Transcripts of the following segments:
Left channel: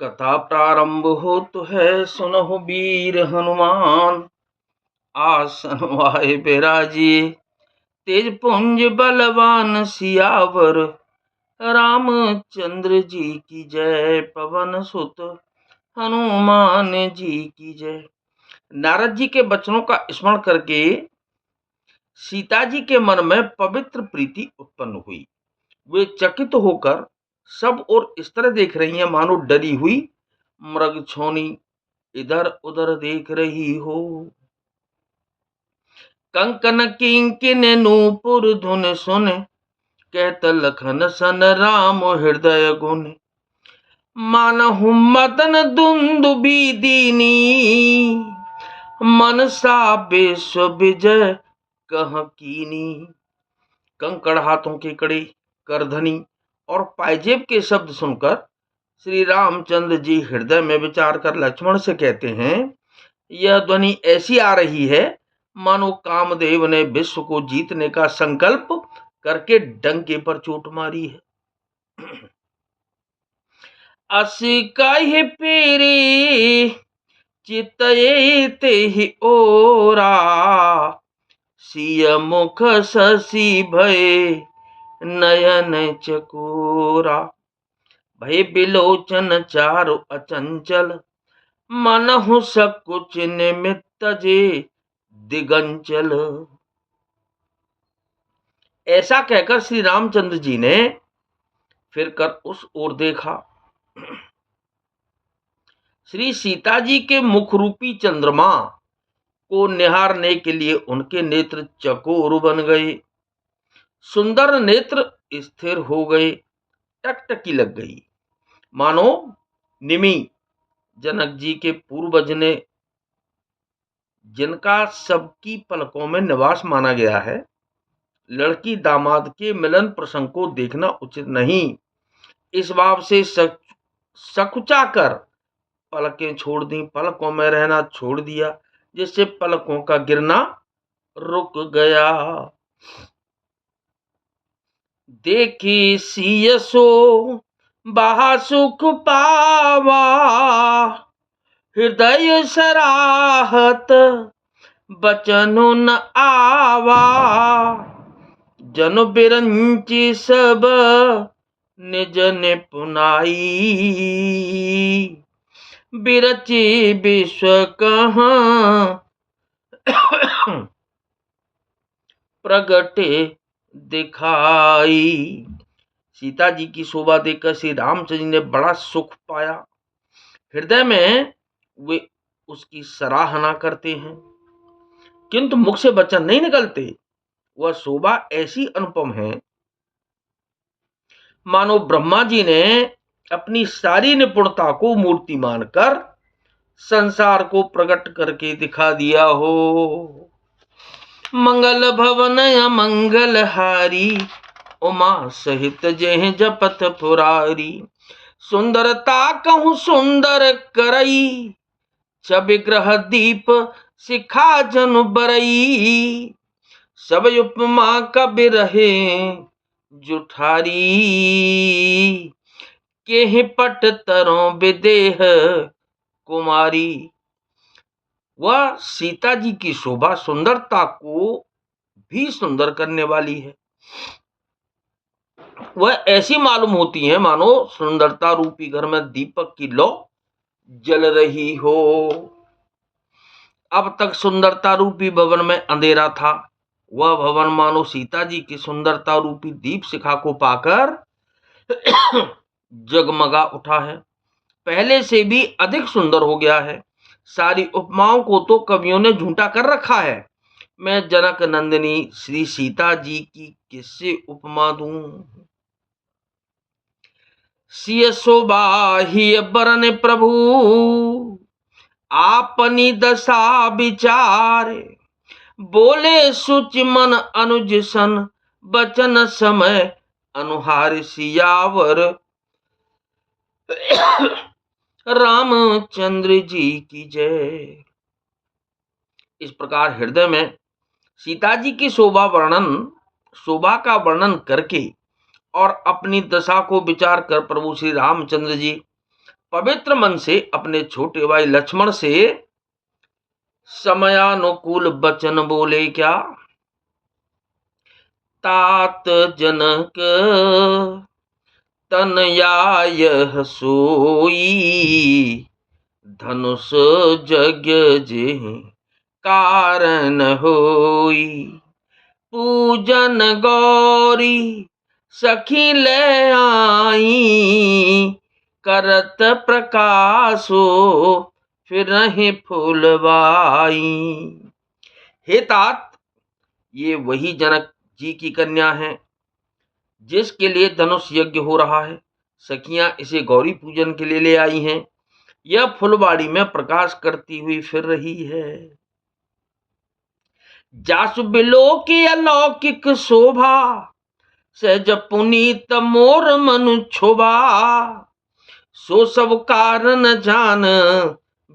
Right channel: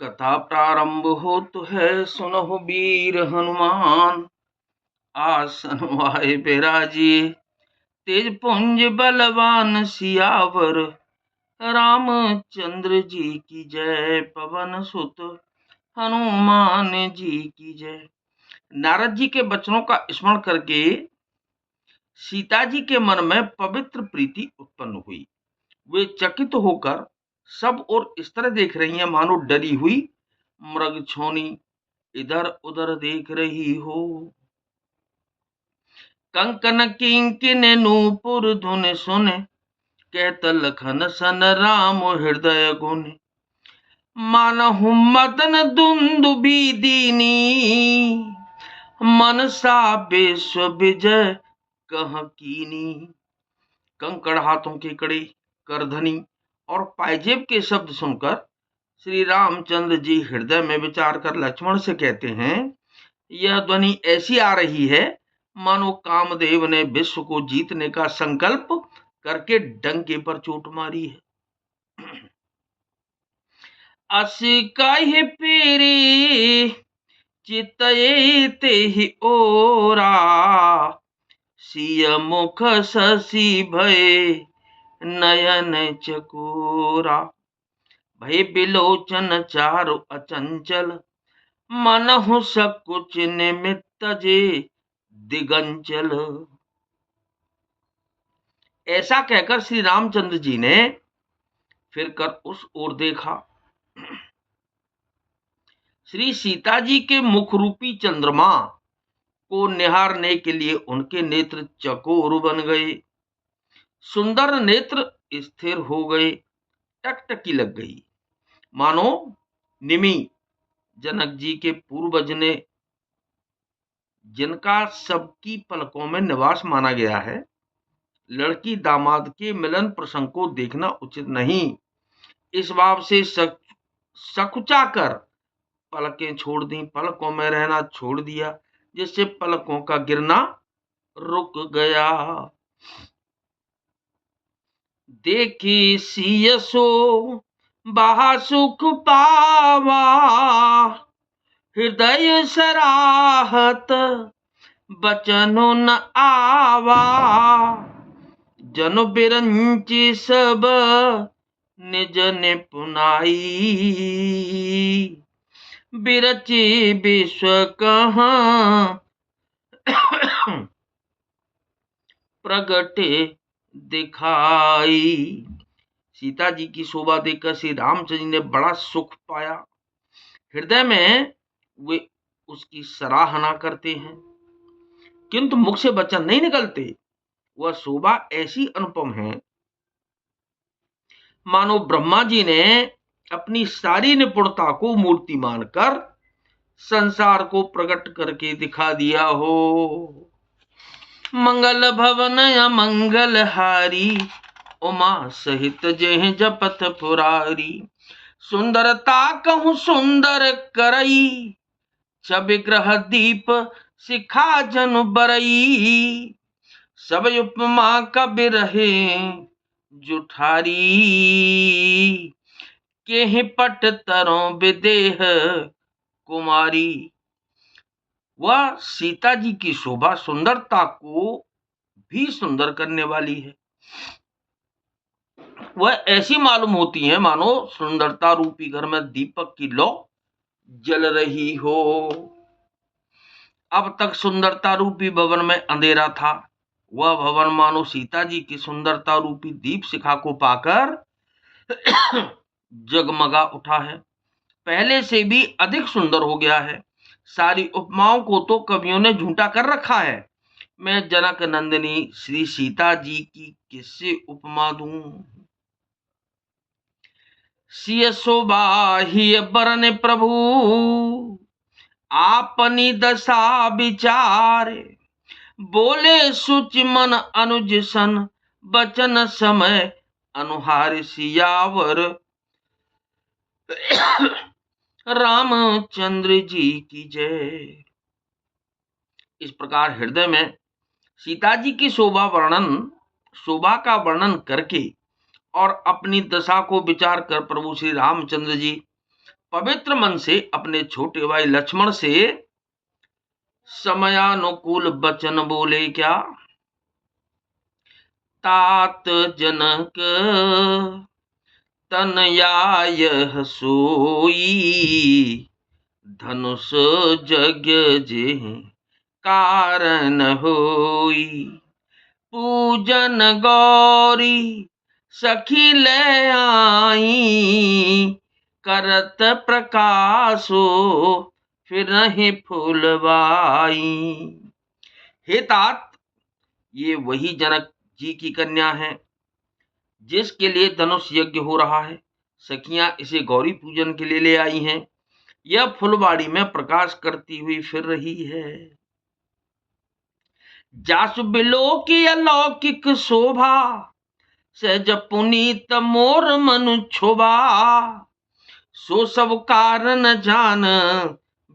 कथा प्रारंभ होत है, सुनहु वीर हनुमान। आसन वाए बिराजिए, तेज पुंज बलवान सियावर। रामचंद्र जी की जय, पवन सुत हनुमान जी की जय। नारद जी के वचनों का स्मरण करके सीता जी के मन में पवित्र प्रीति उत्पन्न हुई। वे चकित होकर सब और इस तरह देख रही हैं मानो डरी हुई मृग छोनी इधर उधर देख रही हो। कंकन किंकिन नूपुर धुन सुन, कहत लखन सन राम हृदय गुण। मानहु मदन दुंदुबी दीनी, मनसा विश्व विजय कह कीनी। कंकड़ हाथों की कड़ी, करधनी और पायजेब के शब्द सुनकर श्री रामचंद्र जी हृदय में विचार कर लक्ष्मण से कहते हैं, यह ध्वनि ऐसी आ रही है मानो कामदेव ने विश्व को जीतने का संकल्प करके डंके पर चोट मारी है। अस कहि पीरी चितये तेहि ओरा, सिय मुख शशि भय नयन चकोरा। भय बिलोचन चारु अचंचल, मनहु सकुच निमित्त जे दिगंचल। ऐसा कहकर श्री रामचंद्र जी ने फिर कर उस ओर देखा। श्री सीता जी के मुख रूपी चंद्रमा को निहारने के लिए उनके नेत्र चकोर बन गए, सुंदर नेत्र स्थिर हो गए, टकटकी लग गई, मानो निमि जनक जी के पूर्वज ने जिनका सबकी पलकों में निवास माना गया है, लड़की दामाद के मिलन प्रसंग को देखना उचित नहीं, इस भाव से सकुचा कर पलकें छोड़ दी, पलकों में रहना छोड़ दिया, जिससे पलकों का गिरना रुक गया। देखी सियसो बाहा सुख पावा, हृदय सराहत बचनो न आवा। जन बिरंची सब निज निपुनाई, बिरची विश्व कहाँ प्रगटे दिखाई। सीता जी की शोभा देखकर श्री रामचंद्र जी ने बड़ा सुख पाया, हृदय में वे उसकी सराहना करते हैं, किंतु मुख से वचन नहीं निकलते। वह शोभा ऐसी अनुपम है मानो ब्रह्मा जी ने अपनी सारी निपुणता को मूर्ति मानकर संसार को प्रकट करके दिखा दिया हो। मंगल भवन अमंगल हारी, उमा सहित जेह जपत पुरारी। सुंदरता कहूं सुंदर करई, छविग्रह दीप शिखा जनु बरई। सब उपमा कबि रहे जुठारी, केहि पट तरों विदेह कुमारी। वह सीता जी की शोभा सुंदरता को भी सुंदर करने वाली है। वह ऐसी मालूम होती है मानो सुंदरता रूपी घर में दीपक की लौ जल रही हो। अब तक सुंदरता रूपी भवन में अंधेरा था, वह भवन मानो सीता जी की सुंदरता रूपी दीप शिखा को पाकर जगमगा उठा है, पहले से भी अधिक सुंदर हो गया है। सारी उपमाओं को तो कवियों ने झूठा कर रखा है, मैं जनक नंदिनी श्री सीता जी की किससे उपमा दूं। सिय शोभा ही बरन प्रभु, आपनी दशा विचार। बोले सुचि मन अनुज सन, बचन समय अनुहार सियावर। रामचंद्र जी की जय। इस प्रकार हृदय में सीता जी की शोभा का वर्णन करके और अपनी दशा को विचार कर प्रभु श्री रामचंद्र जी पवित्र मन से अपने छोटे भाई लक्ष्मण से समयानुकूल वचन बोले क्या। तात जनक तनयाय सोई, धनुष यज्ञ जे कारण होई। पूजन गौरी सखी ले आई, करत प्रकाशो फिर नहीं फूलवाई। हे तात, ये वही जनक जी की कन्या है जिसके लिए धनुष यज्ञ हो रहा है। सखियां इसे गौरी पूजन के लिए ले आई हैं। यह फुलवाड़ी में प्रकाश करती हुई फिर रही है। जासु बिलो की अलौकिक शोभा, सहज पुनीत मोर मनु क्षोभा। सो सब कारण जान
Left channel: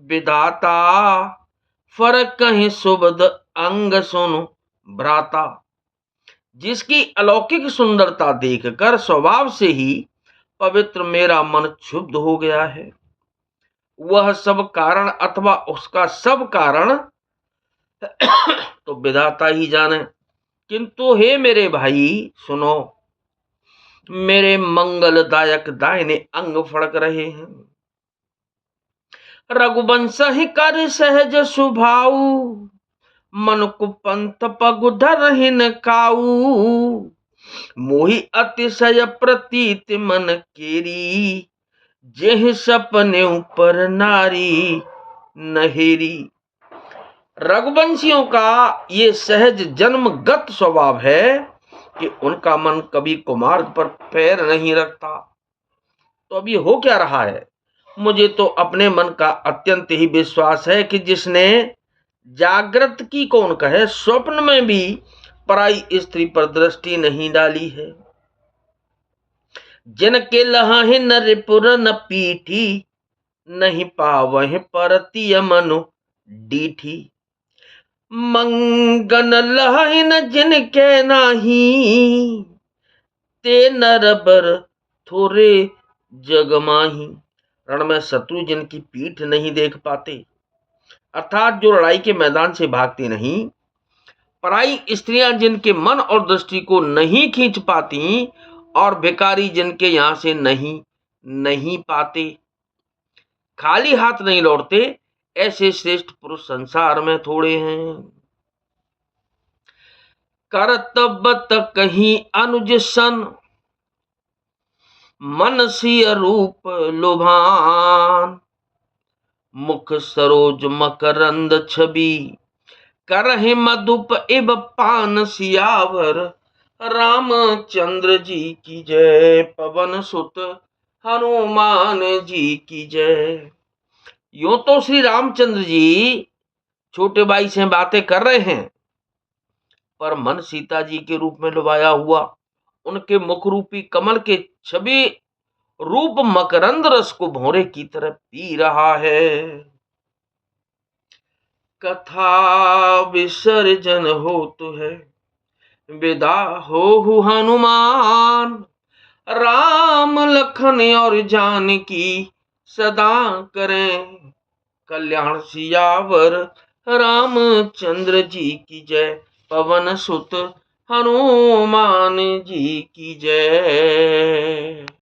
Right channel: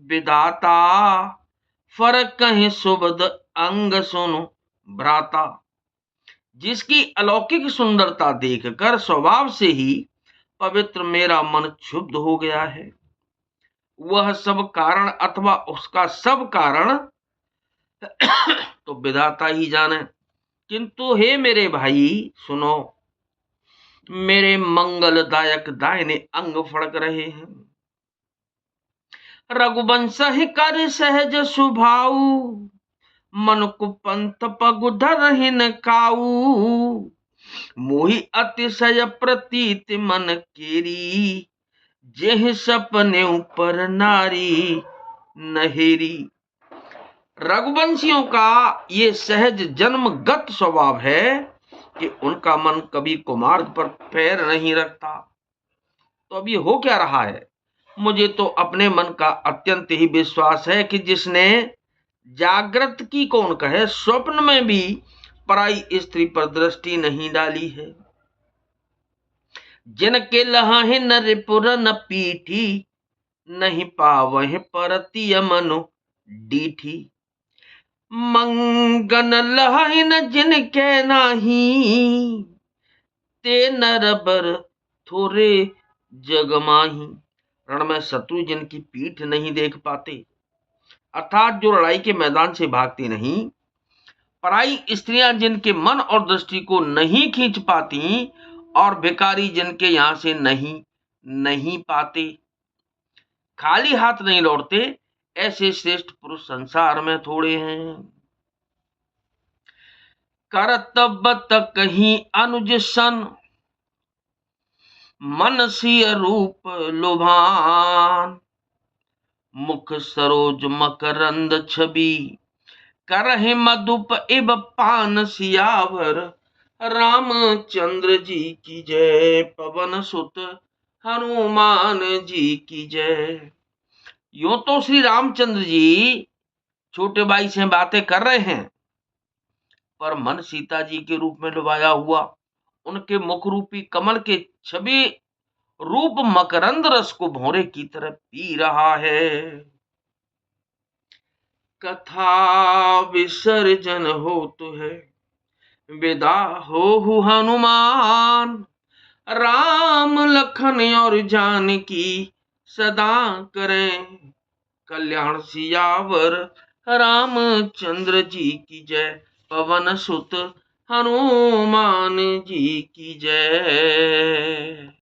विधाता, फरक कहीं सुबद अंग सुनु भ्राता। जिसकी अलौकिक सुंदरता देखकर स्वभाव से ही पवित्र मेरा मन क्षुब्ध हो गया है। वह सब कारण अथवा उसका सब कारण तो विधाता ही जाने। किंतु हे मेरे भाई सुनो, मेरे मंगलदायक दाहिने अंग फड़क रहे हैं। रघुवंश ही कर सहज सुभाऊ, मन कुपंथ पगुधर हिन काऊ। मोहि अतिशय प्रतीत मन केरी, जेह सपने ऊपर नारी नहेरी। रघुवंशियों का ये सहज जन्मगत स्वभाव है कि उनका मन कभी कुमार्ग पर पैर नहीं रखता। तो अब ये हो क्या रहा है। मुझे तो अपने मन का अत्यंत ही विश्वास है कि जिसने जागृत की कौन कहे, स्वप्न में भी पराई स्त्री पर दृष्टि नहीं डाली है। जिनके लहाहे न रिपुर न पीठी, नहीं पावह परतिय मनु डीठी। मंगन लहाइन जिनके नाही, ते नरबर थोरे जगमाही। रण में शत्रु जिनकी पीठ नहीं देख पाते, अर्थात जो लड़ाई के मैदान से भागती नहीं, पराई स्त्रियां जिनके मन और दृष्टि को नहीं खींच पाती, और भिखारी जिनके यहां से नहीं पाते, खाली हाथ नहीं लौटते, ऐसे श्रेष्ठ पुरुष संसार में थोड़े हैं। करतब कहीं अनुज सन, मन सिय रूप लुभान। मुख सरोज मकरंद छवि, करहि मधुप इब पान सियावर। रामचंद्र जी की जय, पवन सुत हनुमान जी की जय। यूं तो श्री रामचंद्र जी छोटे भाई से बातें कर रहे हैं, पर मन सीता जी के रूप में लुभाया हुआ उनके मुख रूपी कमल के छवि रूप मकरंद रस को भौरे की तरह पी रहा है। कथा विसर्जन हो तो है, विदा हो हनुमान। राम लखन और जानकी सदा करें कल्याण सियावर। रामचंद्र जी की जय, पवन सुत हनुमान जी की जय।